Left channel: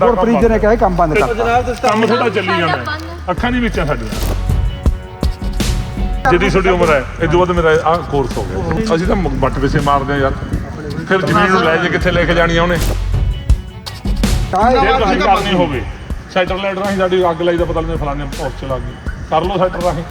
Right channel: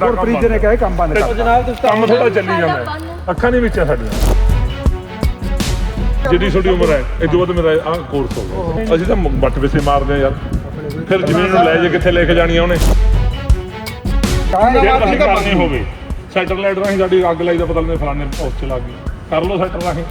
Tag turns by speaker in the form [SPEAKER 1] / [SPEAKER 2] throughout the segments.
[SPEAKER 1] ਗੁਰਪ੍ਰੀਤ ਜੀ ਨੇ ਕਿਹਾ ਇਹ ਕੰਮ ਬੰਦ ਕਰ
[SPEAKER 2] ਜਨਾਬ ਤੁਸੀਂ
[SPEAKER 3] ਕੰਮ ਥੋੜਾ ਚੱਲੀ ਜਾਂਦਾ। ਅੱਖਾਂ ਨਹੀਂ ਵਿੱਚ ਸਾਡੀਆਂ ਜਿੱਡੀ ਛੋਟੀ ਉਮਰ ਹੈ ਇਹ ਦੋ ਮੇਰਾ ਆਹ ਕੋਰਸ ਹੋ ਗਿਆ। ਅਸੀਂ ਤਾਂ ਬੱਟ ਵਿਸੇ ਮਾਰਦੇ ਆ ਯਾਰ। ਫਿਰ ਜ਼ਮੀਨ ਨੂੰ ਲੈ ਜੇ ਕਿੱਥੇ ਲੈ ਕੇ ਜਾਣੀ ਆ ਉਹਨੇ। ਜੇ ਅਸੀਂ ਕਰਨੀ ਹੋ ਗਈ। ਸੈਟਰ ਲਾਈਟ ਰਾਹੀਂ ਸਾਡੀ ਅੱਗ ਲਾਈ ਦਾ ਪਤਾ ਨਹੀਂ ਫਲਾਣੇ ਪਹੁੰਚ ਚਲਾ ਗਈ। ਕਰ ਲਓ ਸੈਟਰ ਰਾਹੀਂ।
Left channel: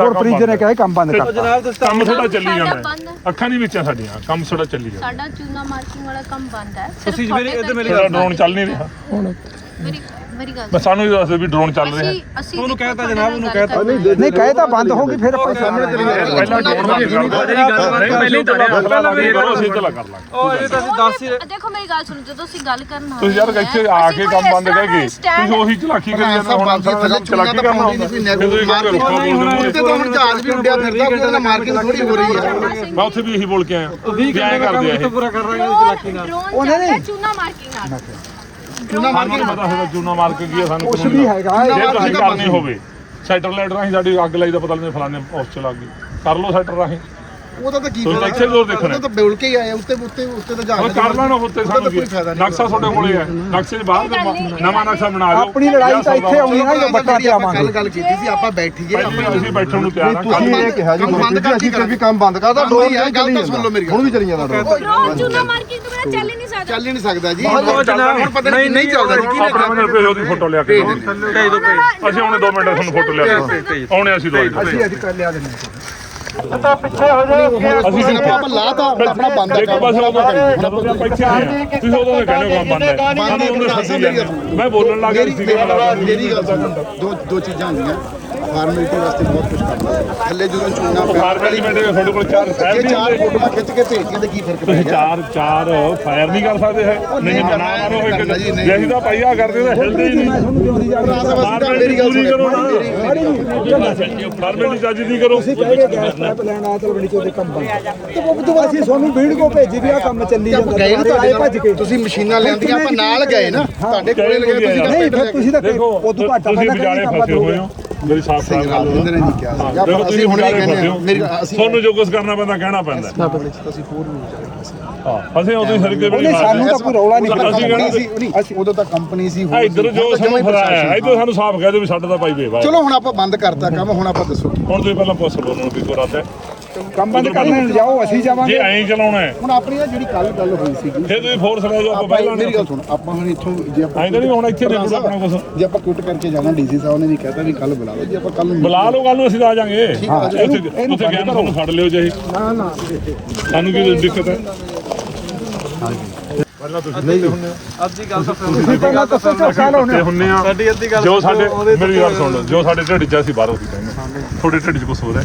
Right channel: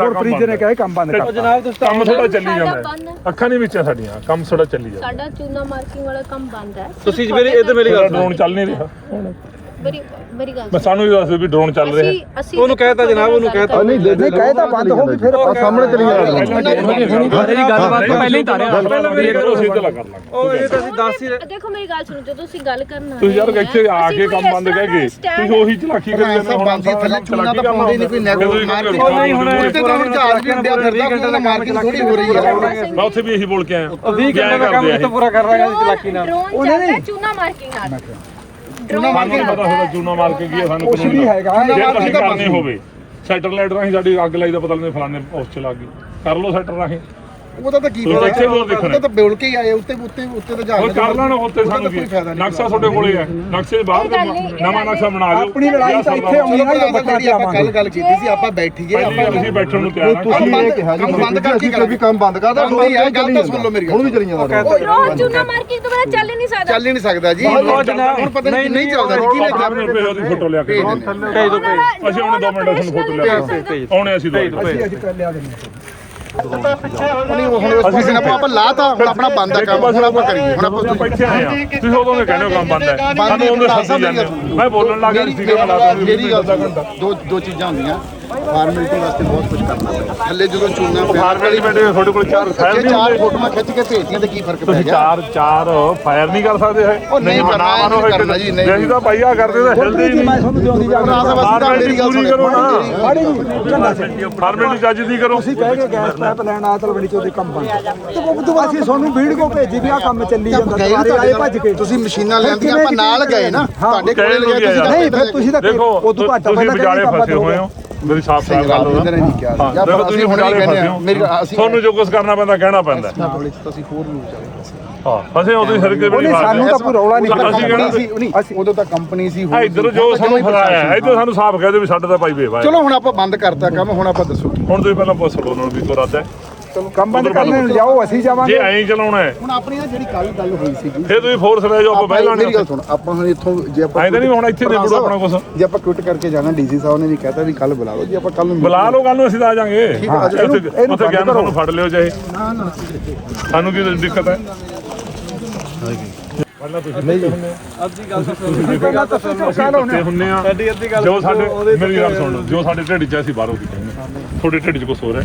[SPEAKER 1] ਗੁਰਪ੍ਰੀਤ ਜੀ ਨੇ ਕਿਹਾ ਇਹ ਕੰਮ ਬੰਦ ਕਰ।
[SPEAKER 2] ਜਨਾਬ ਤੁਸੀਂ
[SPEAKER 3] ਕੰਮ ਥੋੜਾ ਚੱਲੀ ਜਾਂਦਾ। ਅੱਖਾਂ ਨਹੀਂ ਵਿੱਚ ਸਾਡੀਆਂ ਕੰਮ ਥੋੜਾ ਚੱਲੀ ਜਾਂਦਾ।
[SPEAKER 4] ਸਾਡਾ ਚੂਨਾ ਮਾਰਕਿੰਗ ਵਾਲਾ ਕੰਮ ਬੰਦ ਹੈ।
[SPEAKER 2] ਤੁਸੀਂ ਜੀ ਮੇਰੀ ਇਹਦੇ ਮੇਰੀ
[SPEAKER 3] ਮੇਰਾ
[SPEAKER 2] ਗੱਲ
[SPEAKER 3] ਡਰੋਨ ਚੱਲ ਨਹੀਂ ਰਿਹਾ। ਹੁਣ
[SPEAKER 4] ਮੇਰੀ ਮੇਰੀ ਗੱਲ
[SPEAKER 3] ਬਸ ਸਾਨੂੰ ਵੀ ਦੱਸ ਦਿਓ ਵੀ ਡਰੋਨ ਚੱਲ ਰਿਹਾ
[SPEAKER 4] ਅਸੀਂ ਅਸੀਂ
[SPEAKER 2] ਉਹਨੂੰ ਕਹਿਤਾ ਜਨਾਬ, ਉਹਨੂੰ ਕਹਿਤਾ।
[SPEAKER 1] ਨਹੀਂ ਕਹੇ ਤਾਂ ਬੰਦ ਹੋ ਗਈ ਫਿਰ ਸਾਹਮਣੇ ਤੇ
[SPEAKER 3] ਇਹ ਕਰੋ ਅਸੀਂ ਚਲਾ ਕਰ ਲਾਂਗੇ
[SPEAKER 2] ਉਹ ਇਹ ਤਾਂ ਅਸੀਂ ਦੱਸ ਹੀ ਰਹੇ
[SPEAKER 4] ਦੇਖੋ ਮੇਰੀ ਗੱਲ ਸੁਣੋ ਜਦੋਂ ਅਸੀਂ ਗੱਲ ਕਰਨ
[SPEAKER 3] ਤੁਸੀਂ ਯਾਰ ਇੱਥੇ ਆ ਕੇ ਕੰਮ ਬੰਦ ਕਹਿ ਗਏ ਤੁਸੀਂ ਉਹੀ ਚਲਾਕੀ ਕਰੀ ਜਾਂਦੇ ਹੁਣ
[SPEAKER 5] ਬਾਕੀ ਥੱਲੇ ਚੁੰਨਾ ਤਾਂ ਪਾਉਂਦੇ ਨਹੀਂ ਕੋਈ ਨੈਗੋ ਮਾਰਕੀਟ
[SPEAKER 2] ਉਹ ਨਹੀਂ ਹੁਣ
[SPEAKER 5] ਉੱਤੇ ਤਾਂ ਹੁਣ ਜਹਾਜ਼ ਵੀ ਉੱਡਿਆ ਫਿਰਦਾ ਕੋਈ ਮਾਰਕੀਟ ਥੋੜੀ ਹੋ ਰਹੀ ਹੈ
[SPEAKER 3] ਮੈਂ ਉੱਥੇ ਵੀ ਇਹੀ ਬੋਲ ਕੇ ਆਇਆ
[SPEAKER 2] ਉਹ 20 ਘੰਟੇ ਦਾ ਕੰਮ ਕਿੱਥੇ ਪੂਰਾ ਕਰ ਰਹੇ ਹਾਂ ਚਲਾਕੀ ਨਾਲ
[SPEAKER 4] ਡਰੋਨ ਚੱਲਦਾ ਚੂਨਾ ਮਾਰਕਿੰਗ ਨਾਲ
[SPEAKER 3] ਚੂਨਾ ਮਾਰ ਕੇ ਪਤਾ ਹੋਦਾ ਚੂਨਾ ਮਾਰ ਕੇ ਕੀ ਆ ਸਾਨੂੰ
[SPEAKER 1] ਕੁਛ ਵੀ ਹੈਗਾ
[SPEAKER 3] ਜੇ ਅਸੀਂ ਕਰਨੀ ਹੋਵੇ। ਸੈਟਰ ਲਾਈਟ ਰਾਹੀਂ ਸਾਡੀ ਅੱਗ ਲਾਈ ਦਾ ਪਤਾ ਨਹੀਂ ਫਲਾਣੇ ਪਹੁੰਚ ਚਲਾ ਗਈ। ਕਰ ਲਓ ਸੈਟਰ ਰਾਹੀਂ।
[SPEAKER 5] ਉਹਦਾ ਤਾਂ ਕੀ
[SPEAKER 3] ਤੁਸੀਂ
[SPEAKER 5] ਫਾਇਦਾ?
[SPEAKER 3] ਇੱਥੇ ਜ਼ੋਰ ਦੇਖਣਾ।
[SPEAKER 5] ਉਹਦਾ ਤਾਂ ਬੋਲ ਕੇ ਹੀ ਆਏ ਉੱਤੇ ਉੱਤੇ ਉੱਤੇ ਤਾਂ
[SPEAKER 3] ਉਹ
[SPEAKER 5] ਜਹਾਜ਼।
[SPEAKER 3] ਕਰ ਲੈਣਾ ਉੱਤੇ ਸਾਨੂੰ
[SPEAKER 5] ਤਾਂ
[SPEAKER 3] ਕੀ
[SPEAKER 5] ਕੋਈ ਫਾਇਦਾ ਨਹੀਂ।
[SPEAKER 3] ਨਕਸ਼ਾ ਤੁਹਾਡੇ ਕੋਲੇ ਹੈ ਨਕਸ਼ੇ ਦੇ ਬਾਹਰ ਨਵਾਂ ਨਕਸ਼ਾ ਬਣਾ ਦਿਓ।
[SPEAKER 1] ਆਪਣੀ ਲੜਾਈ ਤਾਂ ਇੱਥੇ ਆਉਣੀ
[SPEAKER 5] ਚਲੋ
[SPEAKER 1] ਹੈ
[SPEAKER 5] ਜਿਹੜੀ ਆਪਾਂ ਕੱਲ ਗੱਲ ਕੀਤੀ ਸੀ ਆਪਾਂ ਬੈਠੀਏ ਆਪਾਂ
[SPEAKER 3] ਅਸੀਂ ਬੈਠਣ ਨੂੰ ਤਿਆਰ ਹਾਂ।
[SPEAKER 5] ਕੰਮ ਬੰਦ ਕੰਮ ਬੰਦ ਕਰਕੇ ਕਰਾਂਗੇ
[SPEAKER 6] ਕੰਮ ਬੰਦ ਕਰਦਾ
[SPEAKER 5] ਕੰਮ ਨਹੀਂ ਹੈ ਗੱਲ ਤਾਂ ਸੁਣ ਲਓ ਮੇਰੀ
[SPEAKER 6] ਹੁਣ ਵੀ ਚੱਲੀ ਜਾਂਦਾ
[SPEAKER 4] ਡਰੋਨ ਚੂਨਾ ਮਾਰਕਿੰਗ ਤੋਂ ਬਿਨਾਂ ਚੱਲ ਹੀ ਨਹੀਂ ਸਕਦਾ।
[SPEAKER 5] ਚੱਲ ਹੀ ਨਹੀਂ ਸਕਦਾ ਜੀ। ਹੁਣ ਪਤਾ ਨਹੀਂ ਨਹੀਂ ਚੱਲਦਾ ਜੀ। ਕਿਹਨੇ
[SPEAKER 3] ਕਿਹਨੇ
[SPEAKER 5] ਕਰਾ
[SPEAKER 3] ਰੁਪਏ ਉਹਦੀ ਫੋਟੋ ਲਿਆ ਕੇ।
[SPEAKER 2] ਭੇਜ ਦੋ ਭੇਜ
[SPEAKER 3] ਅਸੀਂ ਉਹਨੇ 2 ਮਿੰਟ ਤੁਹਾਨੂੰ ਫੋਟੋ ਲਿਆ ਕੇ ਆਉਣੇ ਅਸੀਂ ਦੋ
[SPEAKER 1] ਅਸੀਂ ਅੱਜ ਕਰ ਲਿਆ ਦਿੰਦੇ।
[SPEAKER 5] ਅਸੀਂ ਸਿਰਫ ਆਪਾਂ ਲਾਤਾ ਹੁਣ ਆਪਣਾ ਬੰਦ ਆ ਕੰਮ ਹੁਣ ਆਪਾਂ ਕਰੀਏ। ਹੁਣ ਆਪਾਂ ਤੁਸੀਂ
[SPEAKER 3] ਇੱਥੇ ਆਏ ਆ। ਤੁਸੀਂ ਉਦੋਂ ਦੇ ਕਹਿੰਦੇ ਹੋ ਕੰਮ ਬੰਦ ਹੈ। ਸਾਨੂੰ ਉਹਨੇ ਸੱਦੀ ਜਾਂਦੇ ਮੈਂ ਬੋਲਣ ਲੱਗ ਗਿਆ
[SPEAKER 5] ਮੇਰੀ
[SPEAKER 3] ਸੀ
[SPEAKER 5] ਗੱਲ ਦੋ ਦੋ ਚੀਜ਼ਾਂ ਹੁੰਦੀਆਂ। ਫਾਰਮੈਲਿਟੀ ਵਾਸਤੇ ਬਹੁਤ ਕੁਝ ਕਰਨਾ ਪੈਂਦਾ। ਥੱਲੇ ਜਦੋਂ ਚੂਨਾ ਪਿਆ
[SPEAKER 3] ਫਾਰਮੈਲਿਟੀ ਬੈਠੇ ਤੁਹਾਡੇ ਕੋਲ ਚਾਰ ਫਾਇਰ
[SPEAKER 5] ਜੇ
[SPEAKER 3] ਨਹੀਂ
[SPEAKER 5] ਚਾਰ ਫੋਟੋਆਂ ਖਿੱਚ ਕੇ ਭੇਜਤੀਆਂ ਤੇ ਕੀ ਫ਼ਰਕ ਪੈ ਗਿਆ?
[SPEAKER 3] ਚਾਰ ਚਾਰ ਫਾਇਰ ਨਹੀਂ ਕਰ ਸਕਦੇ ਹੈ
[SPEAKER 5] ਨਹੀਂ ਕਰਨਾ,
[SPEAKER 3] ਮਾਰੋ
[SPEAKER 5] ਨਹੀਂ ਕਰਨਾ ਜੀ, ਨਹੀਂ।
[SPEAKER 3] ਜੇ ਅਸੀਂ ਤਾਂ ਪਾਈਆ ਕਰਦੇ ਤਾਂ ਹਿਲਦੇ ਹੀ
[SPEAKER 1] ਮੈਂ
[SPEAKER 3] ਨਹੀਂ।
[SPEAKER 1] ਤੁਹਾਨੂੰ ਜਿਉਂਦੀ ਜਾ
[SPEAKER 5] ਭਰਾ ਸਾਹਿਬ ਅਸੀਂ ਤਾਂ ਮੇਰੀ ਗੱਲ
[SPEAKER 3] ਪੂਰੀ ਕਰੋ ਨਾ।
[SPEAKER 1] ਮਾੜੀ ਜੀ ਝੰਡਾ ਸਿੰਘ
[SPEAKER 3] ਫਾਰਮੈਲਿਟੀ ਜੱਜ ਦੀ ਕਰੋ।
[SPEAKER 1] ਤੁਸੀਂ ਕਹਿ ਗਏ ਗੈਸ ਪਾਈਪ ਲੈਣ ਆ ਤਲਵੜੀ ਚੋਂ ਦੇ ਕੰਮ ਬੰਦ। ਤੇ ਉਹ ਤੋਂ ਅਸੀਂ ਤੁਹਾਨੂੰ ਵੀਡੀਓ ਭੇਜੀ ਵੀ ਆ ਕੰਮ ਚੱਲੀ ਜਾਂਦਾ ਦੁਬਾਰੇ ਆਏ ਭੱਜ ਕੇ।
[SPEAKER 5] ਤੁਸੀਂ ਮਸ਼ੀਨਾਂ ਲੈਂਦੀਆਂ ਆਪਾਂ ਨਾਲ ਗਏ ਨਾ ਤੁਹਾਡੇ ਕੋਲੇ
[SPEAKER 3] ਗਏ
[SPEAKER 5] ਲਗਾਏ ਤੁਸੀਂ
[SPEAKER 1] ਨਹੀਂ ਫਿਰ ਤੁਸੀਂ ਤਾਂ ਉਦੋਂ ਘੱਟ ਪਹਿਲਾਂ ਕੰਮ
[SPEAKER 3] ਫਸੇ ਹੋਏ ਹੋ। ਮੇਰੀ ਸਾਫ਼
[SPEAKER 5] ਸਹੀ
[SPEAKER 3] ਸਾਫ਼
[SPEAKER 5] ਗੱਲ ਇਹਨਾਂ ਨੇ ਨਹੀਂ ਕਿਹਾ ਸੀ।
[SPEAKER 3] ਹਾਂ, ਦੇਖੋ
[SPEAKER 5] ਅਸੀਂ ਹੁਣੇ ਕਹਿੰਦੇ
[SPEAKER 3] ਹੋ।
[SPEAKER 5] ਮੇਰੀ ਅਸੀਂ
[SPEAKER 3] ਤੁਹਾਨੂੰ ਜੋ ਕੁਝ ਕਰਨਾ ਪੈਂਦਾ ਕਹਿਣਾ ਪੈਂਦਾ।
[SPEAKER 5] ਕੋਲੇ ਅਸੀਂ ਹੋਰ ਵੀ ਵਿਚਾਰੇ ਫਸੇ
[SPEAKER 3] ਹਾਂ ਫਸੇ ਉਦੋਂ ਸਿਰ ਕੇ ਵੀ
[SPEAKER 1] ਉਹਨੇ
[SPEAKER 3] ਨਹੀਂ
[SPEAKER 1] ਸਾਨੂੰ ਤਾਂ ਕੋਈ ਰੌਲਾ ਨਹੀਂ
[SPEAKER 3] ਅਸੀਂ ਕਹਿੰਦੇ
[SPEAKER 5] ਸੀ ਨਹੀਂ ਉਦੋਂ ਤਾਂ ਕੰਪਨੀ ਸੀ
[SPEAKER 3] ਆ ਇੱਧਰ ਜੋ ਸਾਨੂੰ ਫਰਾਇਆ ਹੈ ਇੱਧਰ ਸਾਨੂੰ ਸਾਫ਼ ਕਹਿ ਦਿਓ ਵੀ ਸਾਡੇ ਤਾਂ ਪਾਈ ਵੇਵਾ
[SPEAKER 5] ਚਲੋ ਹੁਣ ਆਪਾਂ ਬੰਦ ਕਰਤਾ ਕੰਮ ਹੁਣ ਆਪਾਂ ਦੱਸੋ ਕੀ।
[SPEAKER 3] ਹੁਣ ਤੁਸੀਂ ਪਹਿਲਾਂ ਪੁੱਛ ਲਓ ਉਹਨਾਂ ਨੂੰ ਵੀ ਕੋਈ ਰੱਦ ਹੈ।
[SPEAKER 1] ਕੰਮ ਬੰਦ ਕਰਨੇ ਨੂੰ ਜਾਓ ਅਸੀਂ
[SPEAKER 3] ਜੇ
[SPEAKER 1] ਜਾਵਾਂਗੇ।
[SPEAKER 3] ਐਂ ਚਲਾਉਣਾ ਹੈ।
[SPEAKER 5] ਹੁਣ ਆਪਣੀ ਨਾ ਜਿਹੜੀ ਕੱਲ ਗੱਲ ਹੋਈ ਸੀਗੀ।
[SPEAKER 3] ਫਿਰ ਤੁਸੀਂ ਫੋਰਸ ਲੈ ਜਾਓ ਆਪਾਂ ਪਹਿਲਾਂ
[SPEAKER 5] ਮੇਰੀ ਗੱਲ ਸੁਣ ਆਪਾਂ ਹੁਣ ਇੱਥੋਂ ਜੇ ਆਪਾਂ
[SPEAKER 3] ਐਂ ਤਾਂ ਨਹੀਂ ਹੁਣ ਇੱਥੇ ਦੇ ਆਪਣਾ ਕੁਛ।
[SPEAKER 5] ਜੇ ਆਪਾਂ ਕੁਇਟ ਕਰਕੇ ਜਾਣਾ ਡੀਸੀ ਸਾਹਿਬ ਨੇ ਵੀ ਕਹਿਤਾ ਵੀ ਕੱਲ ਬੁਲਾਓ ਜੀ ਆਪਾਂ ਕੱਲ ਨੂੰ
[SPEAKER 3] ਬੁਲਾ ਲਓ ਕੱਲ ਨੂੰ ਅਸੀਂ ਤਾਂ ਆ ਜਾਾਂਗੇ। ਉੱਥੇ ਉੱਥੇ ਗਿਆਨ ਤੁਹਾਨੂੰ ਫੜ ਲਿਓ ਚਾਹੇ
[SPEAKER 5] ਨਾ ਨਾ।
[SPEAKER 3] ਸਾਨੂੰ ਕੀ ਦਿੱਕਤ ਹੈ? ਪਹਿਲਾਂ ਤੁਸੀਂ ਨਹੀਂ ਹੁੰਦੇ ਹੋ?
[SPEAKER 2] ਅੱਧੀ ਗੱਲ ਤਾਂ
[SPEAKER 3] ਪੱਤੇ ਹੁੰਨੇ ਆ
[SPEAKER 2] ਸਾਡੀ ਅੱਧੀ ਗੱਲ
[SPEAKER 3] ਜੋ ਸਾਡੇ ਮੇਰੀ ਗੱਲ ਸੁਣ ਲਓ। ਜੋ ਸਾਡੇ ਢਿੱਡ 'ਚ ਆ, ਅਸੀਂ ਬਾਹਰੋਂ ਦੀ ਕਹਿੰਦੇ ਤੁਹਾਡੇ ਢਿੱਡ 'ਚ ਕੁਝ ਹੋ? ਰਿਹਾ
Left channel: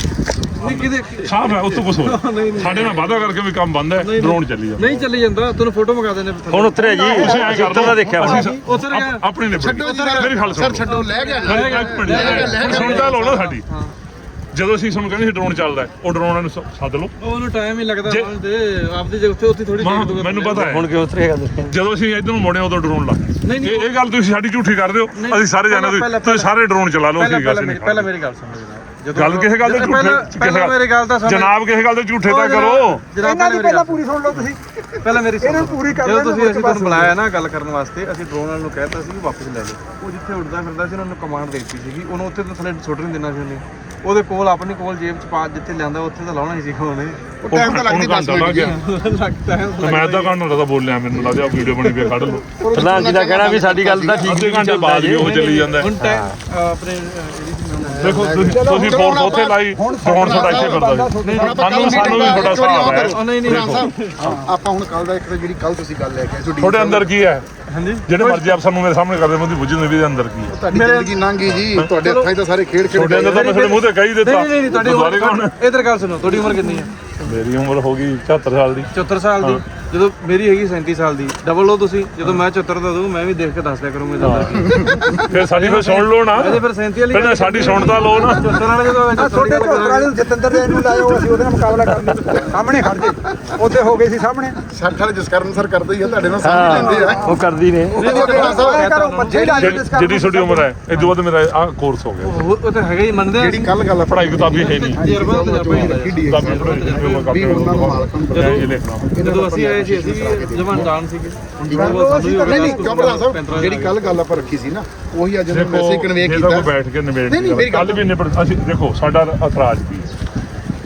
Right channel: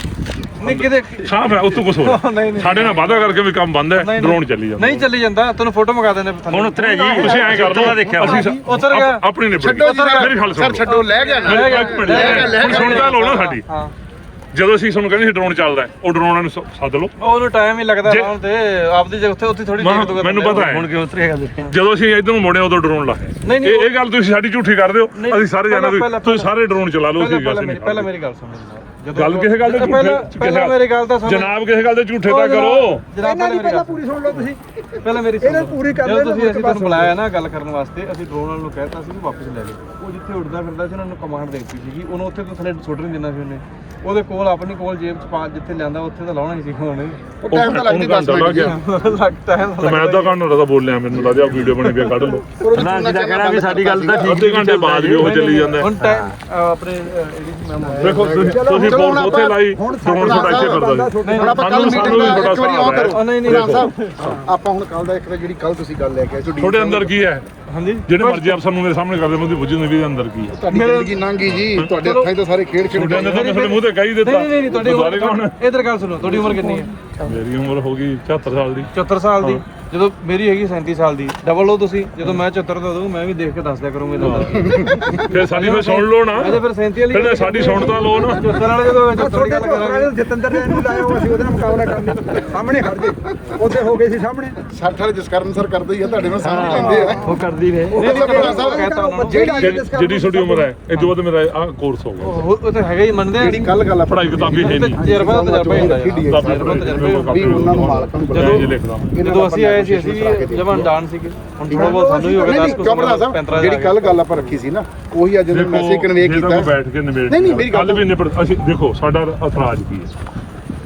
[SPEAKER 2] ਨਹੀਂ ਕਿਤੇ
[SPEAKER 3] ਸਾਫ਼ ਹੈ ਉੱਥੋਂ ਕੁਝ ਹੋ ਰਿਹਾ
[SPEAKER 2] ਨਹੀਂ, ਨਹੀਂ।
[SPEAKER 3] ਸਾਡੇ ਨਾਲ ਵਾਅਦਾ ਕਰਕੇ ਵੀ ਕੰਮ ਬੰਦ ਹੈ ਡਰੋਨ ਚੱਲੀ ਜਾਂਦਾ।
[SPEAKER 2] ਨਹੀਂ ਚੱਲੀ ਜਾਂਦਾ ਤੁਹਾਨੂੰ ਫੋਟੋ ਮੰਗਾ ਦਿੰਦੇ ਥੱਲੇ
[SPEAKER 7] ਹੁਣ ਉਤਰਿਆ ਜੀ।
[SPEAKER 3] ਤੁਸੀਂ ਐਂ ਕਰ ਦੋ ਦੇਖਿਆ ਅਸੀਂ
[SPEAKER 2] ਉਤਰ ਗਿਆ।
[SPEAKER 3] ਆਪ- ਆਪਣੀ ਨਿਬੜ
[SPEAKER 5] ਛੱਡੋ ਜੀ
[SPEAKER 3] ਮੇਰੀ ਗੱਲ। ਸੁਣੋ।
[SPEAKER 5] ਸਰ ਛੱਡੋ ਲੈ ਗਿਆ। ਨਾ
[SPEAKER 3] ਲੈ ਗਿਆ ਸੁਣਦਾ ਲਓ ਨਾ ਸਾਡੀ।
[SPEAKER 2] ਹਾਂ।
[SPEAKER 3] ਜਦੋਂ ਅਸੀਂ ਤੁਹਾਨੂੰ ਕਹਿੰਦੇ ਸੀ ਡਰੋਨ ਚੱਲਦਾ ਹੈ, ਉਹ ਡਰੋਨ ਨੂੰ ਸ- ਸੱਦ ਲਓ।
[SPEAKER 2] ਉਹਨੂੰ ਟਾਈਮ ਹੀ ਲੱਗਦਾ
[SPEAKER 3] ਜੇ-
[SPEAKER 2] ਲਾਉਣ ਤੇ। ਆਪਦੀ ਜੇ ਉੱਥੇ ਉੱਥੇ ਥੋੜੀ
[SPEAKER 3] ਮੈਂ- ਮੈਨੂੰ ਪਤਾ ਹੈ।
[SPEAKER 7] ਹੁਣ ਕਿਉਂ ਉਤਰਿਆ ਗੱਲ ਦੇਖਿਆ?
[SPEAKER 3] ਜਦੋਂ ਅਸੀਂ ਇਧਰ ਨੂੰ ਮੁੜੇ ਉਦੋਂ ਡਰੋਨ ਲਾਇਆ
[SPEAKER 2] ਨਹੀਂ, ਨਹੀਂ,
[SPEAKER 3] ਇਹ ਇਹ ਗੱਲ ਤੁਸੀਂ ਸਾਡੀ ਝੂਠੀ ਕਰਦੇ ਹੋ
[SPEAKER 2] ਨਹੀਂ,
[SPEAKER 3] ਅਸੀਂ ਸਾਰੇ ਜਾਣਦੇ
[SPEAKER 2] ਪਹਿਲਾਂ-
[SPEAKER 3] ਤੁਸੀਂ ਸਾਰੇ ਡਰੋਨ ਚਲਾ ਲਓ
[SPEAKER 2] ਪਹਿਲਾਂ
[SPEAKER 3] ਅਸੀਂ ਗੱਲ
[SPEAKER 2] ਪਹਿਲਾਂ
[SPEAKER 3] ਨਹੀਂ
[SPEAKER 2] ਮੇਰੀ ਪਹਿਲਾਂ ਮੇਰੀ ਗੱਲ ਸੁਣੋ ਜਨਾਬ
[SPEAKER 3] ਗੱਲ ਕਿਸੇ ਗੱਲ ਦੇ ਝੂਠੇ
[SPEAKER 2] ਪਹਿਲਾਂ ਮੇਰੀ ਗੱਲ ਤਾਂ ਸੁਣੋ।
[SPEAKER 3] ਜਨਾਬ ਕਿਸੇ ਗੱਲ ਦੇ ਝੂਠੇ ਤਾਂ ਕਰੋ।
[SPEAKER 2] ਜਨਾਬ
[SPEAKER 1] ਇਹਨਾਂ ਦੀ
[SPEAKER 2] ਪਹਿਲਾਂ
[SPEAKER 1] ਪੂਰੀ ਸੁਣ। ਲਓ ਤੁਸੀਂ।
[SPEAKER 2] ਪਹਿਲਾਂ ਮੇਰੀ ਸੁਣੋ
[SPEAKER 1] ਇਹਨਾਂ ਨੂੰ ਪੂਰੀ ਕਰ
[SPEAKER 2] ਜਦੋਂ
[SPEAKER 1] ਲੈਣ
[SPEAKER 2] ਤੁਸੀਂ ਅਸੀਂ। ਤੁਹਾਨੂੰ ਬੁਲਾਇਆ ਨਾ ਗੱਲ ਕਰਨ ਵਾਸਤੇ ਅਸੀਂ ਡਰੋਨ ਵਾਲ ਨੂੰ ਕਹਿਤਾ ਸੀ ਵੀ ਵਾਪਸ ਲੈ ਲਓ। ਉਹ ਜਿੱਥੇ ਉੱਡਦਾ ਫਿਰਦਾ ਸੀ ਉਹਨਾਂ ਨੂੰ ਕਮਾਂਡ ਦੇ ਦਿੱਤੀ ਸੀਗੀ। ਉਹਨੂੰ ਉੱਥੇ ਤਾਂ ਥੱਲੇ ਸੁੱਟ ਨਹੀਂ ਦੇਣਾ ਸੀ ਉਹਨੇ। ਉਹਦੇ ਕੋਲ ਆਪਣੀ ਕੋਲ ਜੇਬ ਚ ਪਾ ਜਿੱਥੇ ਲਿਆਂਦਾ ਉੱਥੇ ਤਾਂ ਲਾਉਣਾ ਹੀ ਸੀ ਉਹਨੇ
[SPEAKER 5] ਉਹ ਟਾਈਮ ਤਾਂ ਲੱਗਦੀ 10 ਮਿੰਟ
[SPEAKER 2] ਲੱਗਦਾ ਹੈ
[SPEAKER 3] ਤੇ ਮੈਂ ਅੱਧਾ ਘੰਟਾ ਤਾਂ ਬੋਲਿਆ ਮੈਨੂੰ ਲੱਗਦਾ ਵੀਡੀਓ ਬਣੀ ਪਈ ਕੱਢ ਲਓ।
[SPEAKER 7] ਪ੍ਰਧਾਨ ਜੀ ਦਾ ਕਹਿਣਾ ਵੀ ਸਾਡੀ ਗੱਲ ਤਾਂ ਠੀਕ
[SPEAKER 3] ਅੱਧੇ ਘੰਟੇ ਬਾਅਦ ਵੀ ਉਹ ਚੱਲੀ ਜਾਂਦਾ।
[SPEAKER 2] ਹੁਣ ਟਾਈਮ ਆਪਣੇ
[SPEAKER 3] ਦੇਖੋ ਤੁਸੀਂ
[SPEAKER 5] ਹੁਣ
[SPEAKER 3] ਫੋਰਸ ਉੱਥੇ
[SPEAKER 5] ਆਪਾਂ-
[SPEAKER 3] ਲਾਈ ਡਰੋਨ ਸਾਡਾ ਇੱਥੇ ਕਰਦਾ
[SPEAKER 5] ਹੁਣ ਆਪਾਂ ਕੱਲ ਮੀਟਿੰਗ ਦਾ ਇੱਕ ਵਾਰੀ ਆਹ
[SPEAKER 3] ਬੜਾ
[SPEAKER 5] ਕਰੋ।
[SPEAKER 2] ਨਹੀਂ, ਨਹੀਂ,
[SPEAKER 5] ਪ੍ਰਧਾਨ ਸਾਹਿਬ ਆਪਾਂ ਹੁਣ ਕੱਲ ਦਾ ਇੱਕ ਤਾਂ ਜਿਹੜੀ ਕੱਲ ਤੁਸੀਂ ਗੱਲ ਲੈ ਕੇ ਆਏ ਤੁਹਾਡੇ
[SPEAKER 3] ਅੰਦਰ ਕੀ ਹੈ?
[SPEAKER 2] ਹਾਂਜੀ?
[SPEAKER 3] ਜਿਹੜੇ ਮਰਜ਼ੀ ਅਫਸਰ ਨੂੰ ਮੇਰੇ ਸਾਹਮਣੇ ਕਰਦੇ ਮੈਂ ਬੁੱਝਦੇ ਵੀ ਅੰਦਰ ਕੀ ਹੈ
[SPEAKER 5] ਤੁਹਾਡੀ ਜ਼ਿੰਦਗੀ ਲੰਘੀ ਜੀ ਤੁਹਾਡੇ ਹੱਥਾਂ 'ਚ ਤਾਂ ਸਾਰੇ ਖੇਡ ਖੇਡ ਗਏ
[SPEAKER 3] ਮੇਰੇ ਮੂੰਹ ਤੇ ਕਹੀ ਦਿੱਤਾ।
[SPEAKER 2] ਨਹੀਂ ਨਹੀਂ ਨਹੀਂ ਤੁਹਾਡੀ? ਉਮਰ ਇਧਰ ਗੱਲ ਸੁਣੋ ਤੁਹਾਡੀ ਉਮਰ ਕਿੰਨੀ ਹੈ
[SPEAKER 3] ਮੇਰੀ ਉਮਰ ਹੋ ਗਈ 74 ਸਾਲ ਦੀ।
[SPEAKER 2] 74 ਸਾਲ ਦੀ? ਜਦੋਂ ਮੇਰੀ ਹੈਗੀ 37 ਸਾਲ ਦੀ ਡਬਲ ਲਓ ਤੁਸੀਂ ਜਦੋਂ ਮੈਂ 74 ਦਾ ਦਊਂ ਮੈਂ ਵੀ ਦੇਖ ਕੇ ਦੱਸ ਦਿਆ ਕਰੂੰਗਾ ਇਹਦਾ ਕੀ
[SPEAKER 3] ਫਿਰ ਸਾਡੀ ਨੂੰ ਸੁਣ ਲਓ ਨਾ।
[SPEAKER 2] ਇਹਦੇ ਫਿਰ 37 ਵਾਲੀ
[SPEAKER 3] ਫਿਰ ਸਾਡੀ ਸੁਣਦਾ ਲਓ ਨਾ।
[SPEAKER 2] 74 ਵਾਲੇ ਜਦੋਂ 74 ਵਾਲੀ ਗੱਲ ਕਰਾਂਗੇ।
[SPEAKER 1] ਜਤਿੰਦਰ ਦੇ ਨੂੰ ਲਾਇਓ ਅਸੀਂ ਉਹਦੇ ਨਾਲ ਮੁਕਾਬਲਾ ਕਰਨਾ ਸਾਹਮਣੇ ਖੜ ਜੇ। ਉੱਥੇ ਹੋ ਗਏ ਸੀ ਸਾਹਮਣੇ।
[SPEAKER 5] ਸੱਠ ਵਾਲੇ ਜਸਕਰਨ ਸਰ ਕਰਦੇ ਹੀ ਆ ਤੁਹਾਡੇ ਨਾਲ ਸਮਝ ਲੈਂਦੇ ਆ।
[SPEAKER 7] ਉਹ ਕਰਦੀ ਨੇ।
[SPEAKER 5] ਉਹ ਜਿਹੜੀ
[SPEAKER 3] ਜਿਹੜੀ ਛੋਟੀ ਉਮਰ ਹੈ ਇਹ ਦੋ ਮੇਰਾ ਆਹ ਕੋਰਸ ਹੋ ਗਿਆ।
[SPEAKER 2] ਉਹ ਉਹ ਤਾਂ ਹੈਗਾ ਹੀ ਮੰਨਦੇ ਆ।
[SPEAKER 5] ਜਿਹੜੀ ਕੱਲ ਗੱਲ ਆ
[SPEAKER 3] ਪੜ੍ਹਾਈ ਕਿਤਾਬੀ ਹੈ ਨਹੀਂ।
[SPEAKER 2] ਤਜਰਬਾ ਤਜਰਬਾ ਹੀ ਹੁੰਦਾ ਜੀ।
[SPEAKER 5] ਵੀ ਉਹਨਾਂ ਨੂੰ ਮਾਲਕਾਂ ਨੂੰ ਬੁਲਾਇਆ।
[SPEAKER 3] ਇਹ ਦੇਖਣਾ
[SPEAKER 2] ਜਦੋਂ ਅਸੀਂ ਆਏ ਸੀ ਅਸੀਂ ਵੀ ਜਵਾਨ ਜਾਣ ਸੀਗੇ। ਹੁਣ ਥੋੜਾ ਬਹੁਤ ਸਾਨੂੰ ਹੀ ਹੋ ਗਿਆ
[SPEAKER 5] ਨਹੀਂ ਕਿਉਂ ਪ੍ਰਧਾਨ ਸਾਹਿਬ ਜਿਹੜੀ ਕੱਲ ਗੱਲ ਆਪਾਂ ਰੱਖੀ ਸੀ ਨਾ ਉਹੀ ਅੱਜ ਜਦੋਂ ਮੈਸੇਜ ਕਨਵੇ ਕੀਤਾ।
[SPEAKER 3] ਕੋਈ ਬੈਠ ਕੇ ਨਿਬੇੜ
[SPEAKER 5] ਨਹੀਂ, ਨਹੀਂ, ਮੇਰੀ ਗੱਲ
[SPEAKER 3] ਵੀ ਨਿਬੜ ਅਸੀਂ ਦੇਖੋ ਸਾਡਾ ਇਤਰਾਜ਼ ਕੀ ਹੈ?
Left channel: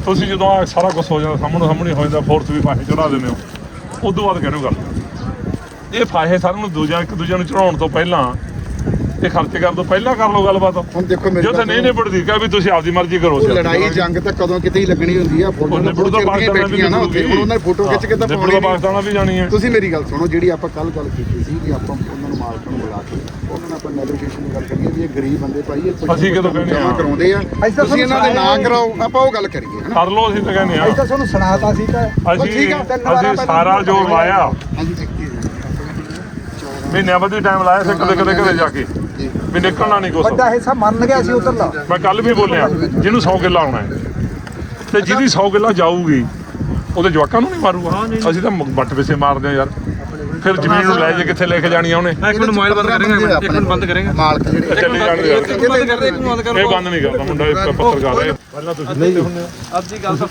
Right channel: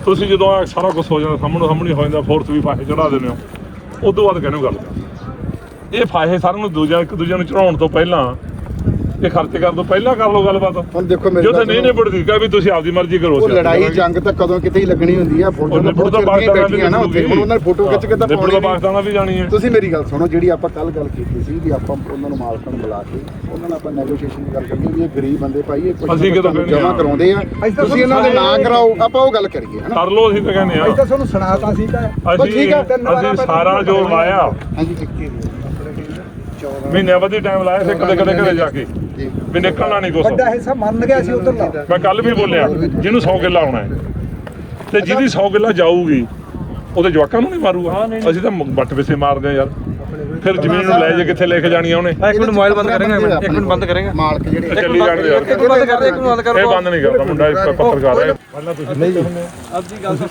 [SPEAKER 3] ਤੁਸੀਂ ਜਦੋਂ ਆਹ ਸਾਰਾ ਕੁਝ ਹੋ ਜਾਂਦਾ ਸਾਹਮਣੇ ਸਾਹਮਣੇ ਹੋ ਜਾਂਦਾ ਫੋਰਸ ਵੀ ਫਾਹੇ ਚੜਾ ਦਿੰਦੇ ਹੋ। ਉਦੋਂ ਬਾਅਦ ਕਹਿੰਦੇ ਗੱਲ ਇਹ ਫਾਹੇ ਸਾਰਿਆਂ ਨੂੰ ਦੂਜਾ ਇੱਕ ਦੂਜੇ ਨੂੰ ਚੜਾਉਣ ਤੋਂ ਪਹਿਲਾਂ ਇਹ ਖਰਚੇ ਕਰਨ ਤੋਂ ਪਹਿਲਾਂ ਕਰ ਲਓ ਗੱਲਬਾਤ।
[SPEAKER 5] ਹੁਣ ਦੇਖੋ ਮੇਰੀ
[SPEAKER 3] ਜੋ ਤਾਂ ਨਹੀਂ। ਨਿਬੜਦੀ ਕਹੇ ਵੀ ਤੁਸੀਂ ਆਪਦੀ ਮਰਜ਼ੀ ਕਰੋ
[SPEAKER 5] ਉਹ ਲੜਾਈ ਜੰਗ ਤਾਂ ਕਦੋਂ ਕਿਤੇ ਹੀ ਲੱਗਣੀ ਹੁੰਦੀ ਆ ਫੌਜਾਂ ਤਾਂ ਬਹੁਤ ਚਿਰ ਦੀਆਂ ਬੈਠੀਆਂ ਨਾ ਉੱਥੇ। ਹੁਣ ਉਹਨਾਂ ਨੇ ਫੋਟੋ ਖਿੱਚ ਕੇ ਤਾਂ ਪਾਉਣੀ ਨਹੀਂ।
[SPEAKER 3] ਪਾਕਿਸਤਾਨ ਵੀ ਜਾਣੀ ਹੈ
[SPEAKER 5] ਤੁਸੀਂ ਮੇਰੀ ਗੱਲ ਸੁਣੋ ਜਿਹੜੀ ਆਪਾਂ ਕੱਲ ਗੱਲ ਕੀਤੀ ਸੀ ਵੀ ਆਪਾਂ ਉਹਨਾਂ ਨੂੰ ਮਾਲਕਾਂ ਨੂੰ ਬੁਲਾ ਕੇ ਉਹਨਾਂ ਨਾਲ ਆਪਾਂ ਨੈਗੋਸ਼ੀਏਸ਼ਨ ਦੀ ਗੱਲ ਕਰੀਏ ਵੀ ਇਹ ਗਰੀਬ ਬੰਦੇ ਭਾਈ ਇਹ ਕੁਝ
[SPEAKER 3] ਅਸੀਂ
[SPEAKER 5] ਜਮਾ
[SPEAKER 3] ਹਾਂ।
[SPEAKER 5] ਕਰਾਉਂਦੇ ਆ। ਤੁਸੀਂ ਇਹਨਾਂ ਦੇ ਨਾਂ ਕਰਾਓ ਆਪਾਂ ਉਹ ਗੱਲ ਕਰੀਏ ਹਨਾ?
[SPEAKER 3] ਕਰ ਲਓ ਅਸੀਂ ਤਾਂ ਕਹਿੰਦੇ
[SPEAKER 1] ਅਸੀਂ
[SPEAKER 3] ਆ
[SPEAKER 1] ਤਾਂ ਤੁਹਾਨੂੰ ਸੁਣਾਤਾ ਸੀ ਕਿ
[SPEAKER 3] ਅਸੀਂ
[SPEAKER 5] ਠੀਕ ਆ,
[SPEAKER 3] ਅਸੀਂ ਸਾਰਾ ਜੋ ਲਾਇਆ।
[SPEAKER 5] ਹਾਂਜੀ
[SPEAKER 3] ਮਹੀਨਿਆਂ ਵਧੀ ਟਾਈਮ ਲਾਇਆ ਸੀ ਕਦੇ ਕਦੇ ਕਦੇ ਜਾ ਕੇ।
[SPEAKER 5] ਜੀ।
[SPEAKER 3] ਵੀ ਨਿਕਲਣਾ ਨਹੀਂ ਕੁਛ।
[SPEAKER 1] ਵੱਡਾ ਹਿੱਸਾ ਮੰਨ ਗਿਆ ਸੀ ਉਧਰ ਦਾ
[SPEAKER 3] ਮੈਂ ਕੱਲ ਵੀ ਬੋਲਿਆ ਜਿਹਨੂੰ 100 ਕਿੱਲਾ ਆਉਣਾ ਹੈ। ਤੇ ਜਿਹਦੀ 100 ਕਿੱਲਾ ਜਾਊਗੀ ਉਹਦੇ ਜਵਾਕਾਂ ਨੂੰ ਨਹੀਂ ਮਾਰੂਗਾ ਅਸੀਂ ਤਾਂ ਵੱਟ ਪਿੱਛੇ ਮਾਰਦੇ ਆ ਯਾਰ। ਫਿਰ ਜ਼ਮੀਨ ਨੂੰ ਲੈ ਜੇ ਕਿੱਥੇ ਲੈ ਕੇ ਜਾਣੀ ਆ ਉਹਨੇ।
[SPEAKER 2] ਇੱਕ ਮਿੰਟ ਮੋਬਾਈਲ ਬੰਦ ਕਰਾਂਗੇ ਇੱਕ ਮਿੰਟ ਬੰਦ ਕਰਾਂਗੇ?
[SPEAKER 5] ਮਾਲਕ ਜਿਹੜੇ
[SPEAKER 3] ਚੱਲੀ ਯਾਰ।
[SPEAKER 2] ਬੰਦ ਕਰ ਦੇ ਇੱਕ ਮਿੰਟ ਬੰਦ ਕਰ
[SPEAKER 3] ਇਹ ਬੰਦ ਨਹੀਂ ਕਰਦਾ ਮੁੰਡਾ ਇੱਕ ਪੱਤਰਕਾਰ ਹੈ ਪਹਿਲਾਂ ਤੁਸੀਂ ਨਹੀਂ ਹੁੰਦੇ ਹੋ?
[SPEAKER 2] ਅੱਧੀ ਗੱਲ ਤਾਂ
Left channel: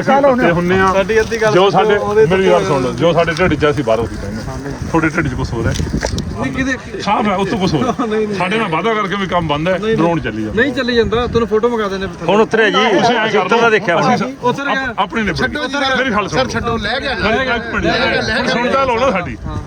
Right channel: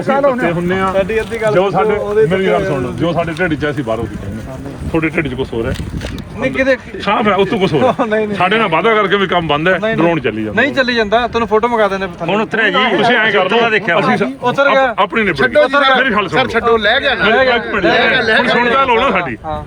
[SPEAKER 3] ਅਸੀਂ ਪੱਤੇ ਹੁੰਨੇ ਆ
[SPEAKER 2] ਸਾਡੀ ਅੱਧੀ ਗੱਲ
[SPEAKER 3] ਜੋ ਸਾਡੇ ਮੇਰੀ ਗੱਲ ਸੁਣ ਲਓ। ਜੋ ਸਾਡੇ ਢਿੱਡ 'ਚ ਅਸੀਂ ਬਾਹਰੋਂ ਦੀ ਕਹਿੰਦੇ ਤੁਹਾਡੇ ਢਿੱਡ 'ਚ ਕੁਝ ਹੋ? ਰਿਹਾ
[SPEAKER 2] ਨਹੀਂ ਕਿਤੇ
[SPEAKER 3] ਸਾਫ਼ ਹੈ ਉਸ ਤੋਂ ਕੁਝ ਹੋ। ਰਿਹਾ ਸਾਡੇ ਨਾਲ ਵਾਅਦਾ ਕਰਕੇ ਵੀ ਕੰਮ ਬੰਦ ਹੈ ਡਰੋਨ ਚੱਲੀ ਜਾਂਦਾ।
[SPEAKER 2] ਨਹੀਂ ਚੱਲੀ ਜਾਂਦਾ ਤੁਹਾਨੂੰ ਫੋਟੋ ਮੰਗਾ ਦਿੰਦੇ ਥੱਲੇ।
[SPEAKER 7] ਹੁਣ ਉਤਰਿਆ ਜੀ
[SPEAKER 3] ਤੁਸੀਂ ਐਂ ਕਰ ਦੋ
[SPEAKER 7] ਦੇਖਿਆ
[SPEAKER 3] ਅਸੀਂ
[SPEAKER 2] ਉਤਰ ਗਿਆ।
[SPEAKER 3] ਆਪ- ਆਪਣੀ ਨਿਬੜ
[SPEAKER 5] ਛੱਡੋ ਜੀ
[SPEAKER 3] ਮੇਰੀ ਗੱਲ ਸੁਣੋ।
[SPEAKER 5] ਸਰ ਛੱਡੋ ਲੈ ਗਿਆ ਨਾ।
[SPEAKER 3] ਲੈ ਗਿਆ ਸੁਣਦਾ ਲਓ ਨਾ ਸਾਡੀ।
[SPEAKER 2] ਹਾਂ।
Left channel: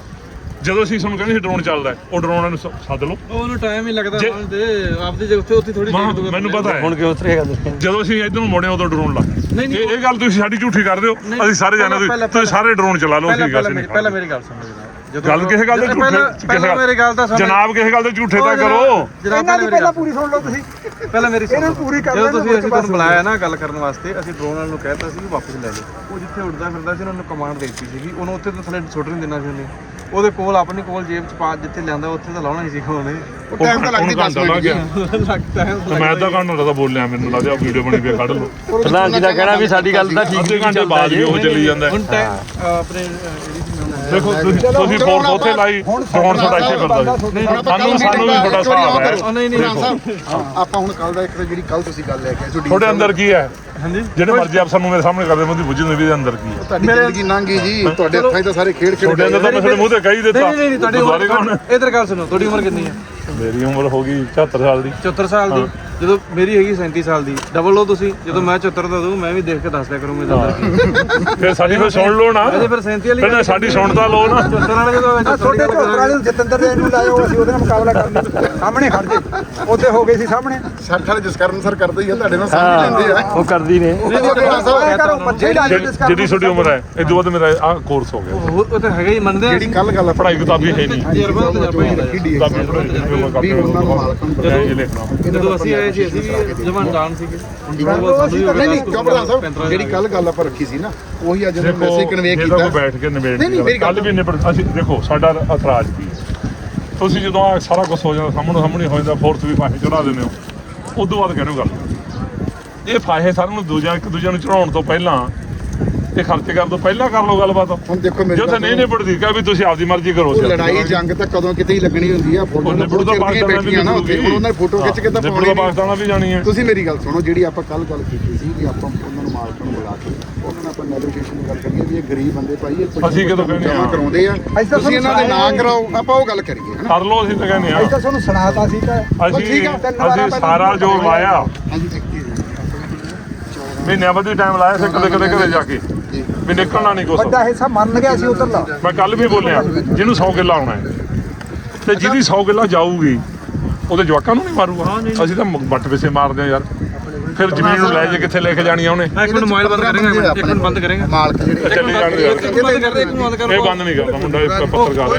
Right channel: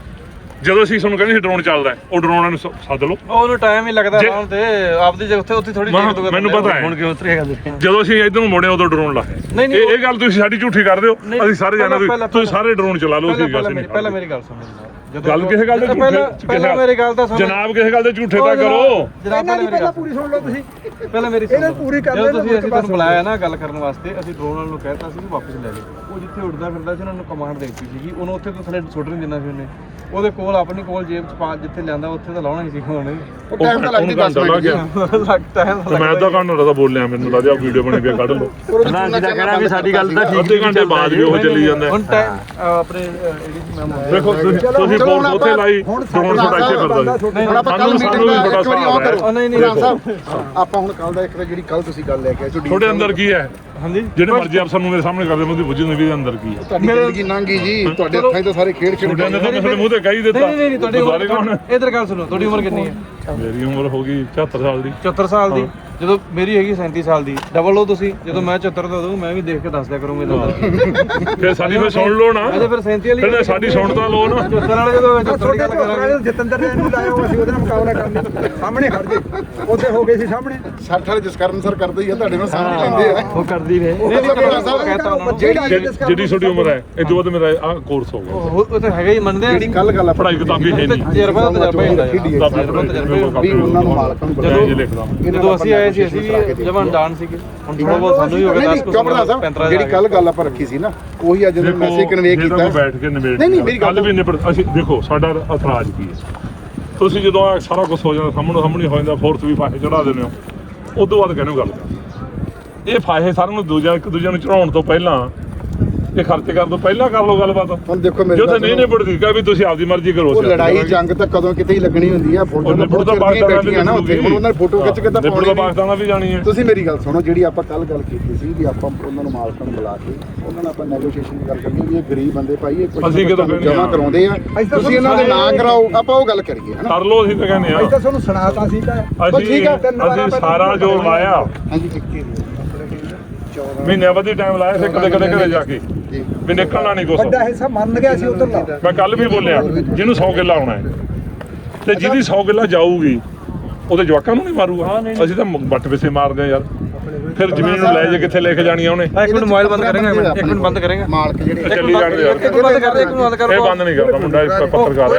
[SPEAKER 3] ਜਦੋਂ ਅਸੀਂ ਤੁਹਾਨੂੰ ਕਹਿੰਦੇ ਸੀ ਡਰੋਨ ਚੱਲਦਾ ਹੈ, ਉਹ ਡਰੋਨਾਂ ਨੂੰ ਸ- ਸੱਦ ਲਓ।
[SPEAKER 2] ਉਹ ਉਹਨੂੰ ਟਾਈਮ ਹੀ ਲੱਗਦਾ
[SPEAKER 3] ਜੇ-
[SPEAKER 2] ਤੇ ਆਪਦੀ ਜੇ ਉੱਥੇ ਉੱਥੇ ਥੋੜੀ
[SPEAKER 3] ਮੈਂ- ਮੈਨੂੰ ਪਤਾ ਹੈ।
[SPEAKER 7] ਹੁਣ ਕਿਉਂ ਉਤਰਿਆ ਗੱਲ
[SPEAKER 3] ਜਦੋਂ ਅਸੀਂ ਇਧਰ ਨੂੰ ਮੁੜੇ ਉਦੋਂ ਡਰੋਨ ਲਾਇਆ
[SPEAKER 2] ਨਹੀਂ, ਨਹੀਂ,
[SPEAKER 3] ਇਹ ਇਹ ਗੱਲ ਤੁਸੀਂ ਸਾਡੀ ਝੂਠੀ ਕਰਦੇ ਹੋ
[SPEAKER 2] ਨਹੀਂ,
[SPEAKER 3] ਅਸੀਂ ਸਾਰੇ ਜਾਣੇ
[SPEAKER 2] ਪਹਿਲਾਂ-
[SPEAKER 3] ਤੁਸੀਂ ਸਾਰੇ ਡਰੋਨ ਚਲਾ ਲਓ
[SPEAKER 2] ਪਹਿਲਾਂ
[SPEAKER 3] ਅਸੀਂ ਗੱਲ
[SPEAKER 2] ਪਹਿਲਾਂ
[SPEAKER 3] ਨਹੀਂ
[SPEAKER 2] ਮੇਰੀ ਪਹਿਲਾਂ ਮੇਰੀ ਗੱਲ ਸੁਣੋ ਜਨਾਬ।
[SPEAKER 3] ਗੱਲ ਕਿਸੇ ਗੱਲ ਦੇ ਝੂਠੇ
[SPEAKER 2] ਪਹਿਲਾਂ ਪਹਿਲਾਂ ਮੇਰੀ ਗੱਲ ਤਾਂ ਸੁਣੋ।
[SPEAKER 3] ਜਨਾਬ ਕਿਸੇ ਗੱਲ ਦੇ ਝੂਠੇ ਤਾਂ ਕਰੋ।
[SPEAKER 2] ਜਨਾਬ
[SPEAKER 1] ਇਹਨਾਂ
[SPEAKER 2] ਪਹਿਲਾਂ
[SPEAKER 1] ਦੀ ਪੂਰੀ ਸੁਣ ਲਓ ਤੁਸੀਂ।
[SPEAKER 2] ਪਹਿਲਾਂ ਮੇਰੀ ਸੁਣੋ
[SPEAKER 1] ਇਹਨਾਂ ਨੂੰ ਪੂਰੀ ਕਰ
[SPEAKER 2] ਜਦੋਂ ਤੁਸੀਂ ਅਸੀਂ ਤੁਹਾਨੂੰ ਬੁਲਾਇਆ ਨਾ ਗੱਲ ਕਰਨ ਵਾਸਤੇ ਅਸੀਂ ਡਰੋਨ ਵਾਲ ਨੂੰ ਕਹਿਤਾ ਸੀ ਵੀ ਵਾਪਸ ਲੈ ਲਓ। ਉਹ ਜਿੱਥੇ ਉੱਡਦਾ ਫਿਰਦਾ ਸੀ ਉਹਨਾਂ ਨੂੰ ਕਮਾਂਡ ਦੇ ਦਿੱਤੀ ਸੀਗੀ। ਉਹਨੂੰ ਉੱਥੇ ਤਾਂ ਥੱਲੇ ਸੁੱਟ ਨਹੀਂ ਦੇਣਾ ਸੀ ਉਹਨੇ। ਉਹਦੇ ਕੋਲ ਆਪਣੀ ਕੋਲ ਜੇਬ ਚ ਪਾ ਜਿੱਥੇ ਲਿਆਂਦਾ ਉੱਥੇ ਤਾਂ ਲਾਉਣਾ ਹੀ ਸੀ ਉਹਨੇ
[SPEAKER 5] ਉਹ ਟਾਈਮ ਤਾਂ ਲੱਗਦੀ 10 ਮਿੰਟ ਜੀ
[SPEAKER 2] ਲੱਗਦਾ ਹੈ
[SPEAKER 3] ਤੇ ਮੈਂ ਅੱਧਾ ਘੰਟਾ ਦਾ ਬੋਲਿਆ ਮੈਨੂੰ ਲੱਗਦਾ ਵੀਡੀਓ ਬਣੀ ਵੀ ਕੱਢ ਲਓ।
[SPEAKER 7] ਪ੍ਰਧਾਨ ਜੀ ਦਾ ਕਹਿਣਾ ਵੀ ਸਾਡੀ ਗੱਲ ਤਾਂ ਠੀਕ
[SPEAKER 3] ਅੱਧੇ ਘੰਟੇ ਬਾਅਦ ਵੀ ਉਹ ਚੱਲੀ ਜਾਂਦਾ
[SPEAKER 2] ਹੁਣ ਟਾਈਮ ਆਪਣੇ
[SPEAKER 3] ਦੇਖੋ ਤੁਸੀਂ ਫੋਨ ਉੱਥੇ
[SPEAKER 5] ਆਪਾਂ-
[SPEAKER 3] ਲਾਈ ਡਰੋਨ ਸਾਡਾ ਇੱਥੇ ਕਰਦਾ
[SPEAKER 5] ਹੁਣ ਆਪਾਂ ਕੱਲ ਮੀਟਿੰਗ ਦਾ ਇੱਕ ਵਾਰੀ
[SPEAKER 3] ਹੈ।
[SPEAKER 5] ਕਰੋ।
[SPEAKER 2] ਨਹੀਂ, ਨਹੀਂ,
[SPEAKER 5] ਪ੍ਰਧਾਨ ਸਾਹਿਬ ਆਪਾਂ ਹੁਣ ਕੱਲ ਦਾ ਇੱਕ ਤਾਂ ਜਿਹੜੀ ਕੱਲ ਤੁਸੀਂ ਗੱਲ ਲੈ ਕੇ ਆਏ ਤੁਹਾਡੇ
[SPEAKER 3] ਅੰਦਰ ਕੀ ਹੈ?
[SPEAKER 2] ਹਾਂਜੀ?
[SPEAKER 3] ਜਿਹੜੇ ਮਰਜ਼ੀ ਅਫਸਰ ਨੂੰ ਮੇਰੇ ਸਾਹਮਣੇ ਕਰਦੇ ਮੈਂ ਉਹਦੀ ਬੁੱਝਣ ਵੀ ਅੰਦਰ ਕੀ ਹੈ
[SPEAKER 5] ਤੁਹਾਡੀ ਜ਼ਿੰਦਗੀ ਲੰਘੀ ਜੀ ਤੁਹਾਡੇ ਹੱਥਾਂ 'ਚ ਤਾਂ ਸਾਰੇ ਖੇਡ ਖੇਡ
[SPEAKER 3] ਤੁਹਾਡੇ ਅੰਦਰ ਤਾਂ
[SPEAKER 5] ਗਏ
[SPEAKER 3] ਮੇਰੇ ਮੂੰਹ ਤੇ ਕਹੀ ਦਿੱਤਾ।
[SPEAKER 2] ਨਹੀਂ ਨਹੀਂ ਨਹੀਂ ਤੁਹਾਡੀ ਉਮਰ ਇਧਰ ਗੱਲ ਸੁਣੋ ਤੁਹਾਡੀ ਉਮਰ ਕਿੰਨੀ ਹੈ
[SPEAKER 3] ਮੇਰੀ ਉਮਰ ਹੋ ਗਈ 74 ਸਾਲ ਦੀ।
[SPEAKER 2] 74 ਸਾਲ ਦੀ? ਜਦੋਂ ਮੇਰੀ ਹੈਗੀ 37 ਸਾਲ ਦੀ ਡਬਲ ਲਓ ਤੁਸੀਂ ਜਦੋਂ ਮੈਂ 74 ਦਾ ਦਊਂ ਮੈਂ ਵੀ ਦੇਖ ਕੇ ਦੱਸ ਦਿਆ ਕਰੂੰਗਾ ਇਦਾਂ
[SPEAKER 3] ਫਿਰ ਸਾਡੀ ਫਿਰ ਸੁਣ ਲਓ ਨਾ।
[SPEAKER 2] ਅਜੇ ਫਿਰ 37 ਵਾਲੀ
[SPEAKER 3] ਫਿਰ ਸਾਡੀ ਸੁਣਦਾ ਲਓ ਨਾ।
[SPEAKER 2] 74 ਵਾਲੇ ਜਦੋਂ ਮੈਂ 74 ਦੀ ਗੱਲ ਕਰਾਂਗੇ।
[SPEAKER 1] ਜਤਿੰਦਰ ਦੇ ਨੂੰ ਲਾਇਓ ਅਸੀਂ ਉਹਦੇ ਨਾਲ ਮੁਕਾਬਲਾ ਕਰਨਾ ਸਾਹਮਣੇ ਖੜ ਜੇ। ਉੱਥੇ ਹੋ ਗਏ ਸੀ ਸਾਹਮਣੇ।
[SPEAKER 5] ਸੱਠ ਵਾਲੇ ਜਸਕਰਨ ਸਰ ਕਰਦੇ ਹੀ ਆ ਤੁਹਾਡੇ ਨਾਲ ਸਾਂਝ ਲੈਂਦੇ ਆ।
[SPEAKER 7] ਉਹ ਕਰਦੀ ਨੇ।
[SPEAKER 5] ਉਹ
[SPEAKER 1] ਜਿਹੜੀ
[SPEAKER 3] ਜਿਹੜੀ ਤੁਹਾਡੀ ਉਮਰ ਹੈ ਇਹ ਦੋ ਤੇ ਮੇਰਾ ਆ ਕੋਰਸ ਹੋ ਗਿਆ।
[SPEAKER 2] ਉਹ ਉਹ ਤਾਂ ਹੈਗਾ ਹੀ ਮੰਨਦੇ ਆ।
[SPEAKER 5] ਜਿਹੜੀ ਕੱਲ ਗੱਲ
[SPEAKER 3] ਪੜ੍ਹਾਈ ਕਿਤਾਬੀ ਹੈ ਨਹੀਂ।
[SPEAKER 2] ਤਜਰਬਾ ਤਜਰਬਾ ਹੀ ਹੁੰਦਾ।
[SPEAKER 5] ਵੀ ਉਹਨਾਂ ਨੂੰ ਮਾਲਕਾਂ ਨੂੰ
[SPEAKER 3] ਇਹ
[SPEAKER 2] ਜਦੋਂ ਅਸੀਂ ਆਏ ਸੀ ਅਸੀਂ ਵੀ ਜਵਾਨ ਸੀਗੇ। ਹੁਣ ਥੋੜਾ ਬਹੁਤ ਸਾਨੂੰ ਹੀ ਹੋ ਗਿਆ
[SPEAKER 5] ਨਹੀਂ ਕਿਉਂ ਪ੍ਰਧਾਨ ਸਾਹਿਬ ਜਿਹੜੀ ਕੱਲ ਗੱਲ ਆਪਾਂ ਰੱਖੀ ਸੀ ਨਾ ਉਹੀ ਅੱਜ ਜਦੋਂ ਮੈਸੇਜ ਕਨਵੇ ਕੀਤਾ।
[SPEAKER 3] ਕੋਈ ਬੈਠ ਕੇ ਨਿਬੇੜ
[SPEAKER 5] ਨਹੀਂ, ਨਹੀਂ, ਮੇਰੀ ਗੱਲ
[SPEAKER 3] ਵੀ ਨਿਬੜ ਅਸੀਂ ਦੇਖੋ ਸਾਡਾ ਇਤਰਾਜ਼ ਕੀ ਹੈ? ਤੁਸੀਂ ਜਦੋਂ ਆਹ ਸਾਰਾ ਕੁਝ ਹੋ ਜਾਂਦਾ ਸਾਹਮਣੇ ਸਾਹਮਣੇ ਹੋ ਜਾਂਦਾ ਫੋਰਸ ਵੀ ਫਾਹੇ ਚੜਾ ਦਿੰਦੇ ਹੋ। ਉਦੋਂ ਬਾਅਦ ਕਹਿੰਦੇ ਗੱਲ ਇਹ ਫਾਹੇ ਸਾਰਿਆਂ ਨੂੰ ਦੂਜਾ ਇੱਕ ਦੂਜੇ ਨੂੰ ਚੜਾਉਣ ਤੋਂ ਪਹਿਲਾਂ ਇਹ ਖਰਚੇ ਕਰਨ ਤੋਂ ਪਹਿਲਾਂ ਕਰ ਲਓ ਗੱਲਬਾਤ।
[SPEAKER 5] ਹੁਣ ਦੇਖੋ ਮੇਰੀ
[SPEAKER 3] ਜੋ ਤਾਂ ਨਹੀਂ। ਨਿਬੜਦੀ ਕਹੇ ਵੀ ਤੁਸੀਂ ਆਪਦੀ ਮਰਜ਼ੀ ਕਰੋ
[SPEAKER 5] ਉਹ ਲੜਾਈ ਜੰਗ ਤਾਂ ਕਦੋਂ ਕਿਤੇ ਹੀ ਲੱਗਣੀ ਹੁੰਦੀ ਆ ਫੌਜਾਂ ਤਾਂ ਬਹੁਤ ਚਿਰ ਦੀਆਂ ਬੈਠੀਆਂ ਨਾ ਉੱਥੇ। ਹੁਣ ਉਹਨਾਂ ਨੇ ਫੋਟੋ ਖਿੱਚ ਕੇ ਤਾਂ ਪਾਉਣੀ ਨਹੀਂ।
[SPEAKER 3] ਪਾਕਿਸਤਾਨ ਵੀ ਜਾਣੀ ਹੈ।
[SPEAKER 5] ਤੁਸੀਂ ਮੇਰੀ ਗੱਲ ਸੁਣੋ ਜਿਹੜੀ ਆਪਾਂ ਕੱਲ ਗੱਲ ਕੀਤੀ ਸੀ ਵੀ ਆਪਾਂ ਉਹਨਾਂ ਨੂੰ ਮਾਲਕਾਂ ਨੂੰ ਬੁਲਾ ਕੇ ਉਹਨਾਂ ਨਾਲ ਆਪਾਂ ਨੈਗੋਸ਼ੀਏਸ਼ਨ ਦੀ ਗੱਲ ਕਰੀਏ ਵੀ ਇਹ ਗਰੀਬ ਬੰਦੇ ਭਾਈ ਇਹ ਕੁਝ
[SPEAKER 3] ਅਸੀਂ
[SPEAKER 5] ਜਮਾ। ਕਰਾਉਂਦੇ ਆ। ਤੁਸੀਂ ਇਹਨਾਂ ਦੇ ਨਾਂ ਕਰਾਓ ਆਪਾਂ ਉਹ ਗੱਲ ਕਰੀਏ ਹਨਾ?
[SPEAKER 3] ਕਰ ਲਓ ਅਸੀਂ ਤਾਂ ਕਹਿੰਦੇ
[SPEAKER 1] ਅਸੀਂ
[SPEAKER 3] ਆ
[SPEAKER 1] ਤਾਂ ਤੁਹਾਨੂੰ ਸੁਣਾਤਾ ਸੀ
[SPEAKER 3] ਅਸੀਂ
[SPEAKER 5] ਠੀਕ ਆ,
[SPEAKER 3] ਅਸੀਂ ਸਾਰਾ ਜੋ ਲਾਇਆ
[SPEAKER 5] ਹਾਂਜੀ
[SPEAKER 3] ਮਹੀਨਿਆਂ ਵਧੀ ਟਾਈਮ ਲਾਇਆ ਸੀ ਕਦੇ ਕਦੇ ਕਦੇ ਜਾ ਕੇ। ਵੀ ਨਿਕਲਣਾ ਨਹੀਂ ਕੁਛ।
[SPEAKER 1] ਵੱਡਾ ਹਿੱਸਾ ਮੰਨ ਗਿਆ ਸੀ ਉਧਰ ਦਾ
[SPEAKER 3] ਮੈਂ ਕੱਲ ਵੀ ਬੋਲਿਆ ਜਿਹਨੂੰ 100 ਕਿੱਲਾ ਆਉਣਾ ਹੈ। ਤੇ ਜਿਹਦੀ 100 ਕਿੱਲਾ ਜਾਊਗੀ ਉਹਦੇ ਜਵਾਕਾਂ ਨੂੰ ਨਹੀਂ ਮਾਰੂਗਾ ਅਸੀਂ ਤਾਂ ਵੱਟ ਪਿੱਛੇ ਮਾਰਦੇ ਆ ਯਾਰ। ਫਿਰ ਜ਼ਮੀਨ ਨੂੰ ਲੈ ਜੇ ਕਿੱਥੇ ਲੈ ਕੇ ਜਾਣੀ ਆ ਉਹਨੇ।
[SPEAKER 2] ਇੱਕ ਮਿੰਟ ਮੋਬਾਈਲ ਬੰਦ ਕਰਾਂਗੇ ਇੱਕ ਮਿੰਟ ਬੰਦ ਕਰਾਂਗੇ।
[SPEAKER 5] ਮਾਲਕ ਜਿਹੜੇ
[SPEAKER 3] ਚੱਲੀ ਜਾਣਗੇ
[SPEAKER 2] ਇੱਕ ਮਿੰਟ ਬੰਦ ਕਰ ਦੇ ਇੱਕ ਮਿੰਟ ਬੰਦ ਕਰ
[SPEAKER 3] ਇਹ ਬੰਦ ਨਹੀਂ ਕਰਦਾ ਮੁੰਡਾ ਇੱਕ ਪੱਤਰਕਾਰ ਹੈ